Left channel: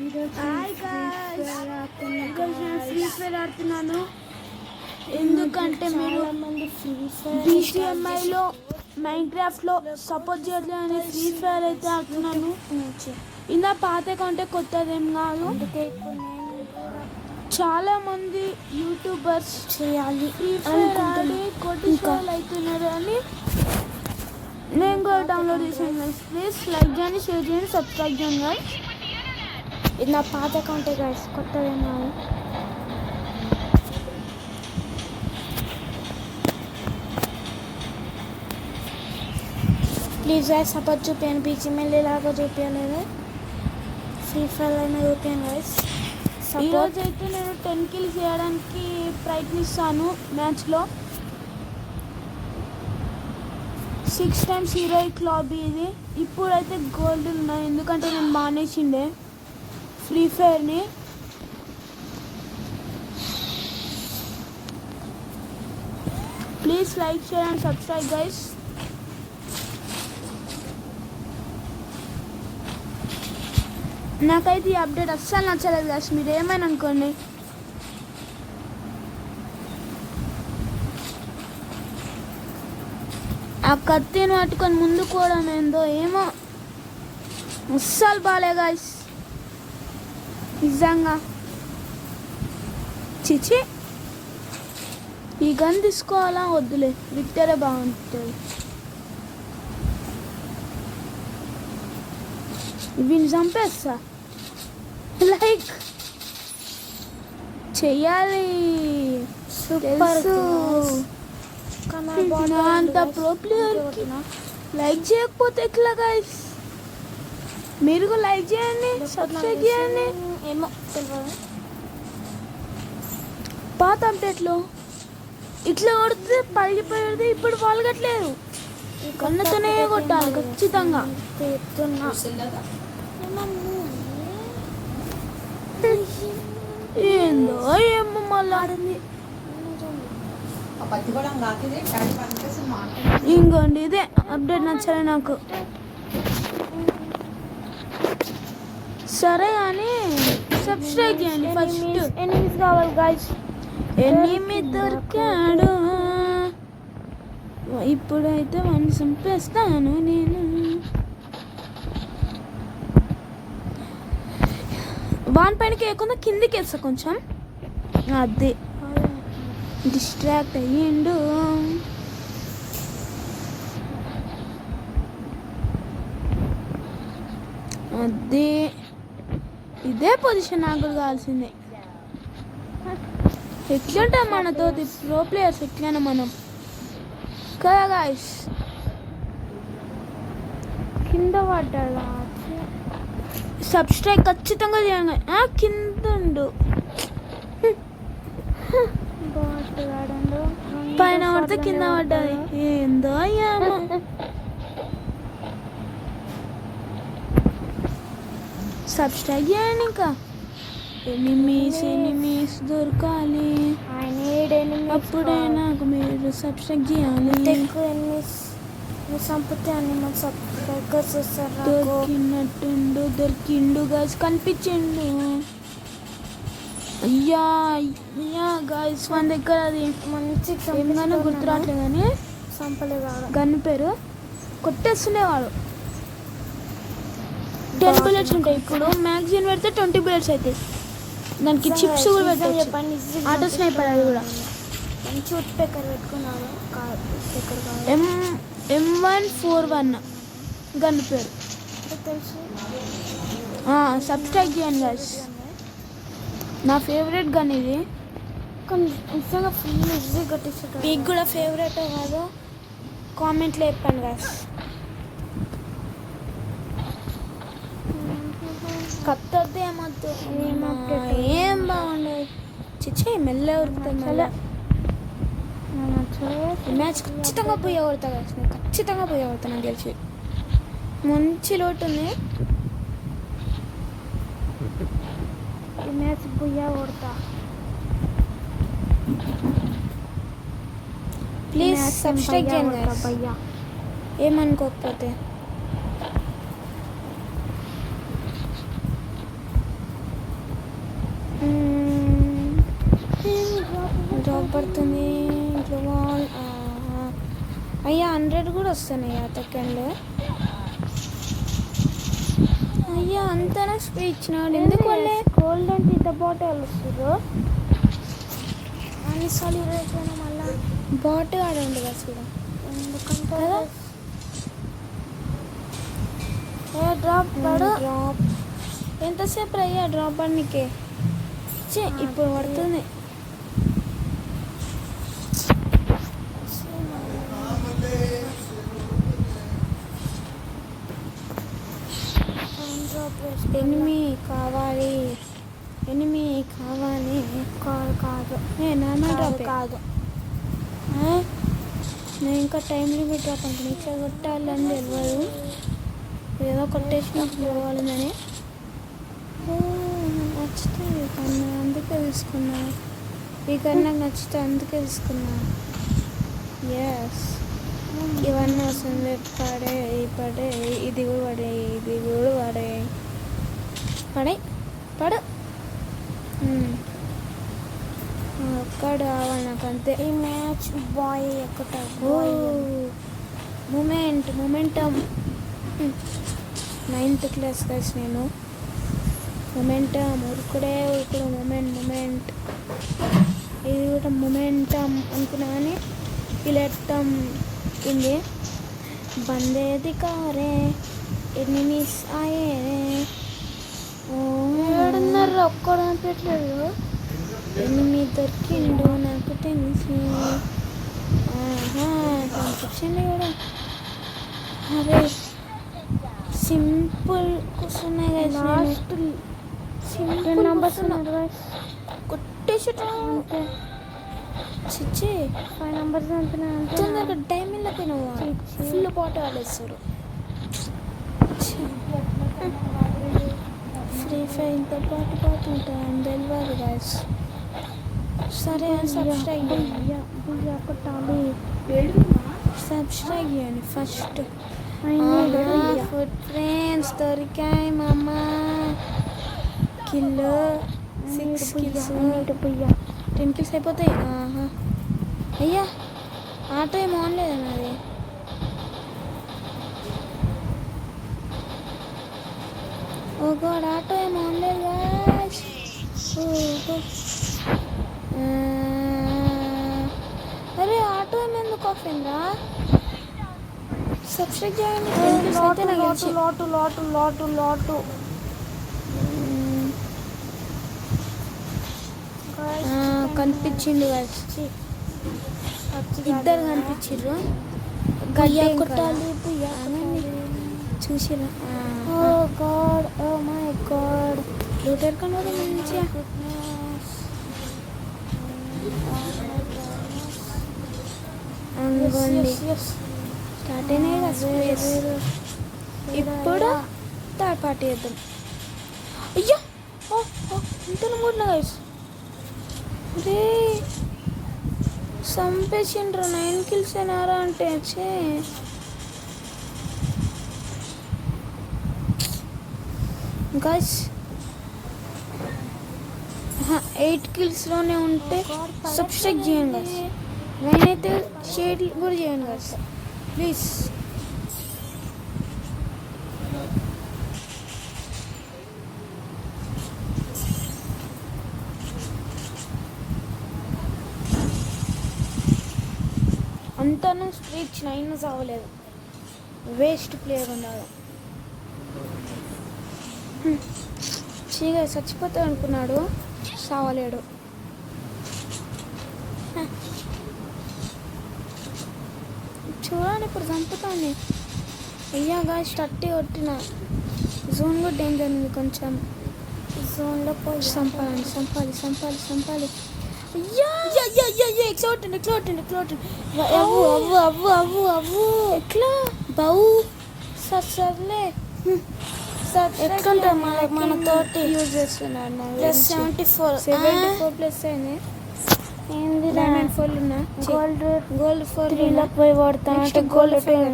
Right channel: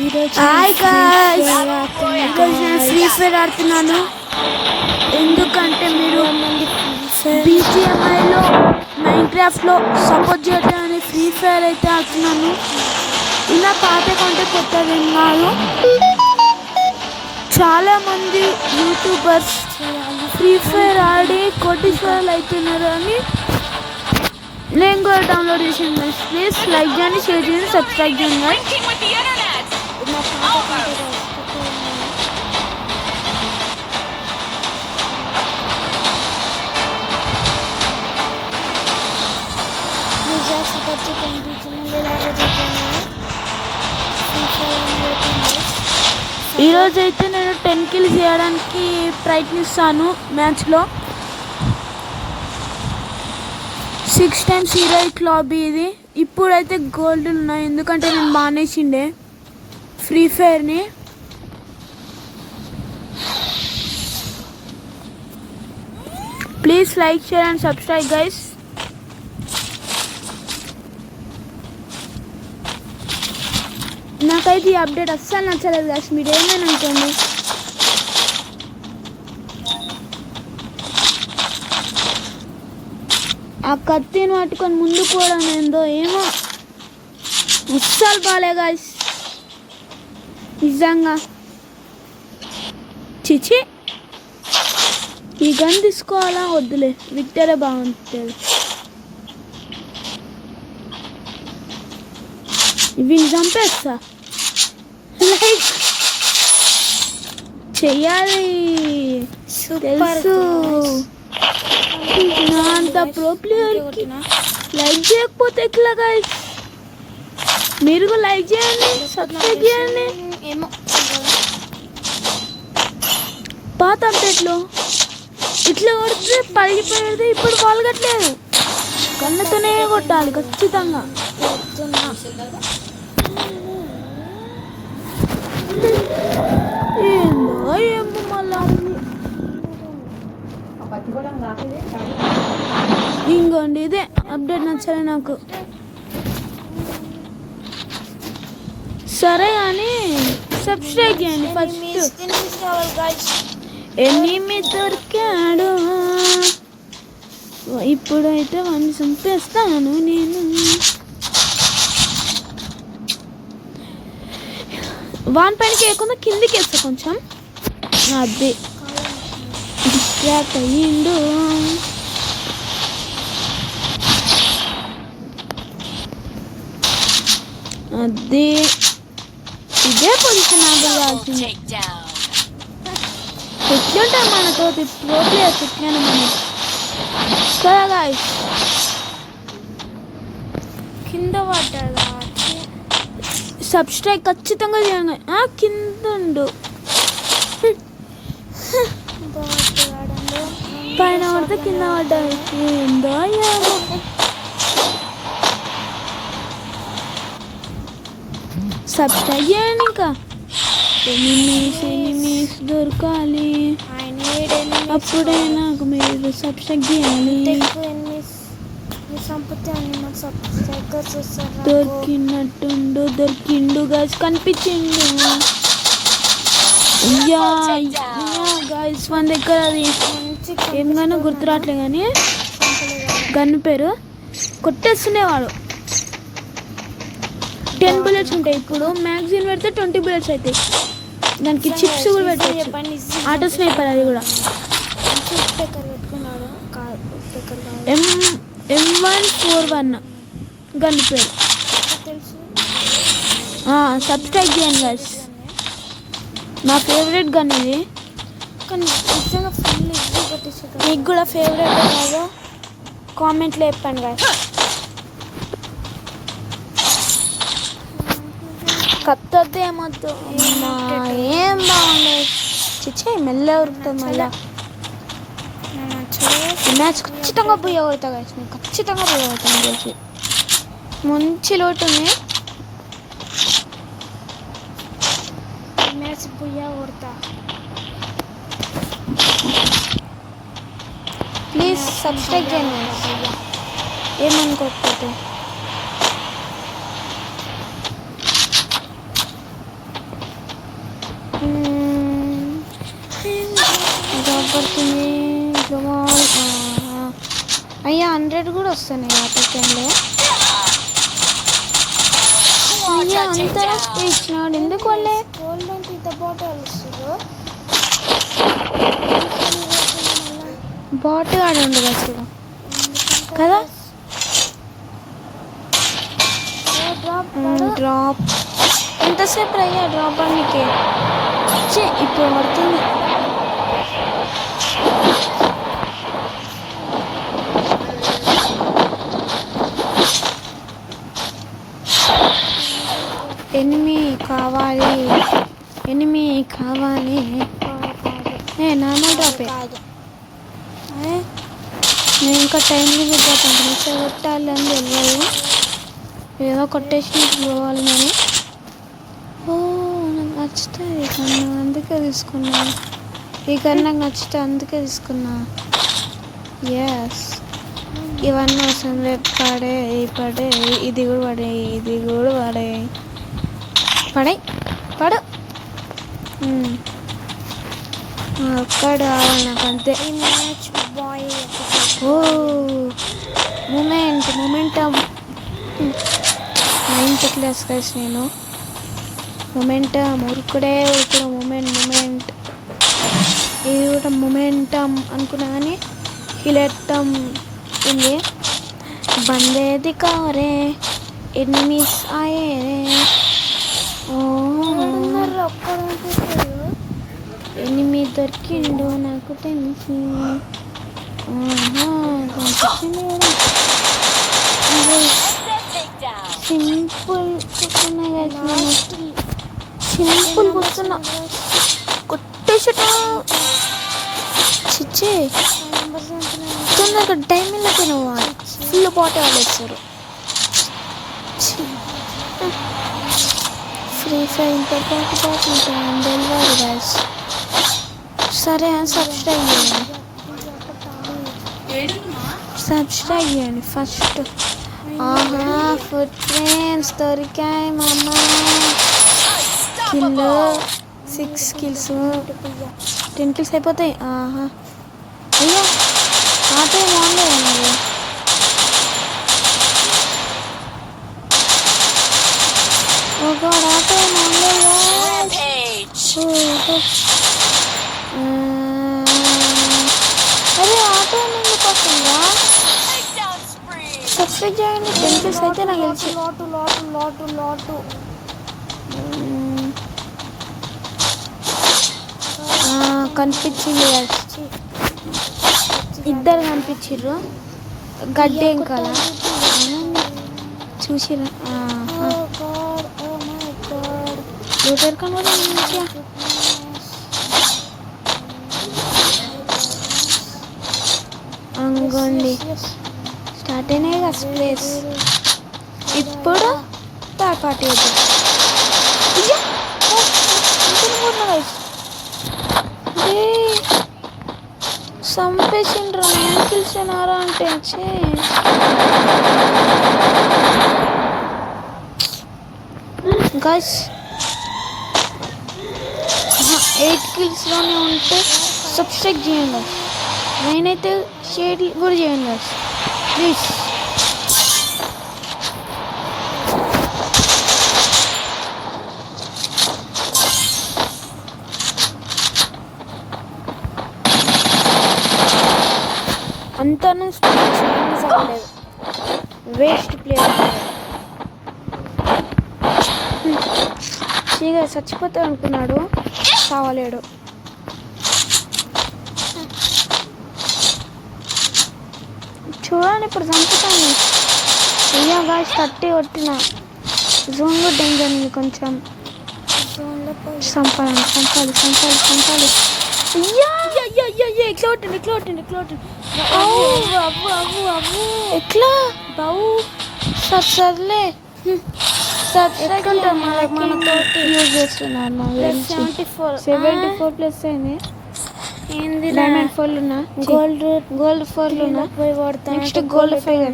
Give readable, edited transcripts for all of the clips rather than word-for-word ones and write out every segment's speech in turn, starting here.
Hi guys, ఈరోజు నేను free fire ఆడుతున్నాను. ఎందుకంటే మీరు BGMIలో మైన్క్రాఫ్ట్లో సపోర్ట్ చేయడానికి ఫ్రీ ఫైర్ అయితే ఆడుతున్నాను. ఇలా పాత కంటే కొత్తది ఏం కాదు. చాలామంది యూట్యూబర్స్ ఫ్రీ ఫైర్ ఆడి కోటీశ్వరులు అవుతున్నారు అని నేను కూడా డౌన్లోడ్ చేసాను. ప్లీజ్ లైక్ చేయండి, షేర్ చేయండి, సబ్స్క్రైబ్ చేయండి. నా పాత కంటే కొత్తగా ఉన్నాను. ప్లీజ్ సపోర్ట్ కనిపించింది ఇలాగా చెప్పాను. ఫ్రీ ఫైర్ అనేది ఈరోజు అయితే నేను 10 kills చేయడానికి ప్రయత్నిస్తాను. మ్యాచ్లో 6 times హీరోయిక్ లాబీ ఇది. ఇప్పుడైతే గోల్డ్ ఉన్నాయి ఎందుకంటే నేను మానేసిండే ఫ్రీ ఫైర్ని. Please like share and subscribe guys. నాకైతే ఈ అప్డేట్ అస్సలు నచ్చలేదు గైస్, మీరు ఏమని అనుకోండి. ఆ కత్తిని పట్టుకొని ముందు కూడా ఏందో ఏమో అస్సలు బాలే గైస్, నిజంగా చిచి. ఈ గన్ తీసుకోవాలా వద్దులే, విక్టరే బాగుంటుంది. వీళ్ళు చంపేస్తా, లైక్ చెయ్యాలి తెలుసు. అంత ప్రో ప్లేయర్కి లైక్ చేయకపోతే ఎట్లా గైస్? మీరు కూడా లైక్ చేయండి, సబ్స్క్రైబ్ చేయండి. ఏమో పాత అప్డేట్లో ఇట్లా కొడితే పగిలిపోయేది, ఇప్పుడు పలగట్లేదు. కళ్ళతోనే కొట్టాలి ఖచ్చితంగా. ఏందో ఏమో మళ్ళీ ఇంకోండి ఇదే అప్డేట్ నచ్చలే నాకు. సరే అని సబ్స్క్రైబ్ చేయండి. ఎనిమిది కావాలి గాయ్స్, ఎనిమిది దొరికాడు. ఇప్పుడైతే వాడిని చంపేస్తాను నేను. వాని పైనకి వేయకుండా కిందికి వేస్తా కొంచెం. అదే డిస్ట్రాక్ట్ అయ్యిండు. అదే ఇదే పొజిషన్ ఆగాల్సింది. ఎట్లుంటాం మనతో ప్రో ప్లేయర్స్ ఎట్లైనా మనం కదా గాయ్స్. కింద పడ్డాడు, సబ్స్క్రైబ్ ఖచ్చితంగా చేయండి. కింద ఉండు, పైన పడితే కింద పడ్డాడు. ఏందో సబ్స్క్రైబ్ చేయండి. ఇంకా ఎనిమిస్ దొరకాలి, అప్పుడే నాకు మీరు సబ్స్క్రైబ్ చేయాలి. సంపత్తి అనిమల్ సబ్స్క్రైబర్స్ వస్తారు. దొరికినట్టుండు, దొరికిండు గైస్, కనిపించిండు. గైస్ మన దగ్గర అది ఏమన్నా గుర్తురాట్లే కానీ గన్ పేరు కొట్టేస్తుండేవాడు. 10 bullets ఉంటాయి. ఇప్పుడు మ్యాగజైన్ పెడితే 20 bullets అవుతాయి. దానికి చిప్స్ కూడా పెట్టాయి. ఆటో స్నైపర్ అది కూడా. M141 గన్ పేరు. సబ్స్క్రైబ్ చేయండి గైస్, నా ఫేవరెట్ గన్ ఇది. కానీ నిజంగా ఫుల్ ఈజీ కొట్టేస్తుంది. మీకు కూడా ఫేవరెట్ కాదు కామెంట్లో చెప్పండి గైస్. కత్తొద్దు ఏమొద్దు, ఏం బాగుండదు. చిచ్చే మెల్ల ఉరుకుతుంది మళ్ళీ. మ్యాచ్ ఖచ్చితంగా పోయి కొడతా గైస్, నేను ఖచ్చితంగా పోయి కొడతాను తెలిసి. మంచి లోటు ఉంది. మ్యాచ్ పోయా కొడతా. ప్లీజ్ సబ్స్క్రైబ్ చేయండి భయ్యా, ఏమనుకోకపోతే. జాబ్ పడుతుంది. అయ్యా 100 కూడా వస్తున్నాయి ఆ సెకండ్లో. అయ్యా అంతరా స్ప్రే ఇచ్చినాడు ఎందుకు వాళ్ళే. గోల్డ్ అంటే ఇంత బాటిల్ వస్తుందో బాటిల్ ఆడ ఉండదు అసలు కదా. డ్రాప్ ఎంతసేపు అయ్యా డ్రాప్ అన్నికే ఇప్పుడు పడుతుంది. ఎనిమి కావాలి కాదు నార్మల్ డ్రాప్ కాదు. నేను ఇంకా టైం లిమిట్ పోతాను కొట్టాలి అని తెలియదు. ఏదో కొట్టేసి పోవాలి నేను. నాకు నచ్చుతుంది కన్నా అందుకే తీసుకున్నా. ఈ కన్నా నాకు నచ్చితే అందుకే తీసుకున్నా. ఎస్ ఇవన్నీ అవసరం లేదు. పడే ఇది కూడా పడు ఒక్కడు కావాలి నాకు అంతే. Match bye momentum 9th class కలిసి నేను మొమెంటమ్ ఉరుకుడు మూమెంట్ ఇది కూడా మొమెంటమ్ అనుకున్నా కానీ హిలెట్టం ఉంది. బందేది కారే ఎనిమిస్ ఆయే ఒక్కడు అనిపించాడు. ఎనిమిది దొరికిండు నాకు తెలిసి. కనిపించింది కూడా సింపుల్ కొట్టేసట చిచ్చి డైమండ్లకి నువ్వు ఫుల్ బాటిల్ ఆడేస్తారు. ఫ్రీ ఫైర్ ఇంత పాటు ఉంటాను డెలివరీ గాయస్. సరే సబ్స్క్రైబ్ చేయండి ఫస్ట్. ఫుడ్ ఫ్రెండ్స్ దొరికాయి మామ. కిల్ 6 kills 10 kills అయిపోతాయి. అయ్యా ఆటో ఏం ఆన్లేదు మరి. ఓ గాడ్ ఆటో ఏం ఆన్లేదు. అరే ఆటో ఎందుకు వస్తుందా. సబ్స్క్రైబ్ చేయండి. 10 kills అయితే నాకు తెలిసి లోటు కనిపించింది. ఇద్దరు కనిపించారు. గడ్డి ఏం కదా చూసిరా. లూటర్ కనబడి మంచిగా అంగోండి స్టార్ట్ అయినాయి కదా స్ప్లేస్. ఇప్పుడు థర్డ్ పార్టీ అవుతుంది. అయ్యా చంపేసిండ్రా 9 kills అయినారా అంటే వచ్చి గైస్ 8 kills ఉంటే సబ్స్క్రైబ్ చేయండి. నేనైతే షేర్ కూడా చేయండి ప్లీజ్. అంతా చేంజ్ అవ్వలేదు. వేస్ట్ ప్లేయర్ చీగా చచ్చిపోతాడు అనుకున్నాడు, కావలేడు. చూడండి ఇప్పుడు చంపుతాను. అయ్యా గాయస్ 30 కొట్టిన. జోన్ కూడా డేంజర్ ఉంది కొంచెం. జోన్లో పోయి చంపాలి. ఎట్లా బావు సర్లే మనతోటి యూజ్ చేస్తున్నారు. 74 ప్లస్ అయింది. ఏంది డైమండ్ 4 ఉన్నా గోల్డ్ 4 పోయి వాడతాను. నెక్స్ట్ గోల్డ్ 5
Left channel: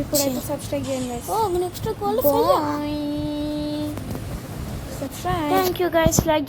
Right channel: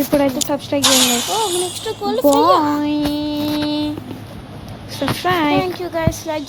ఇప్పుడైతే సబ్స్క్రైబ్ చేయండి. Next gold subscribe. Thank you guys. Like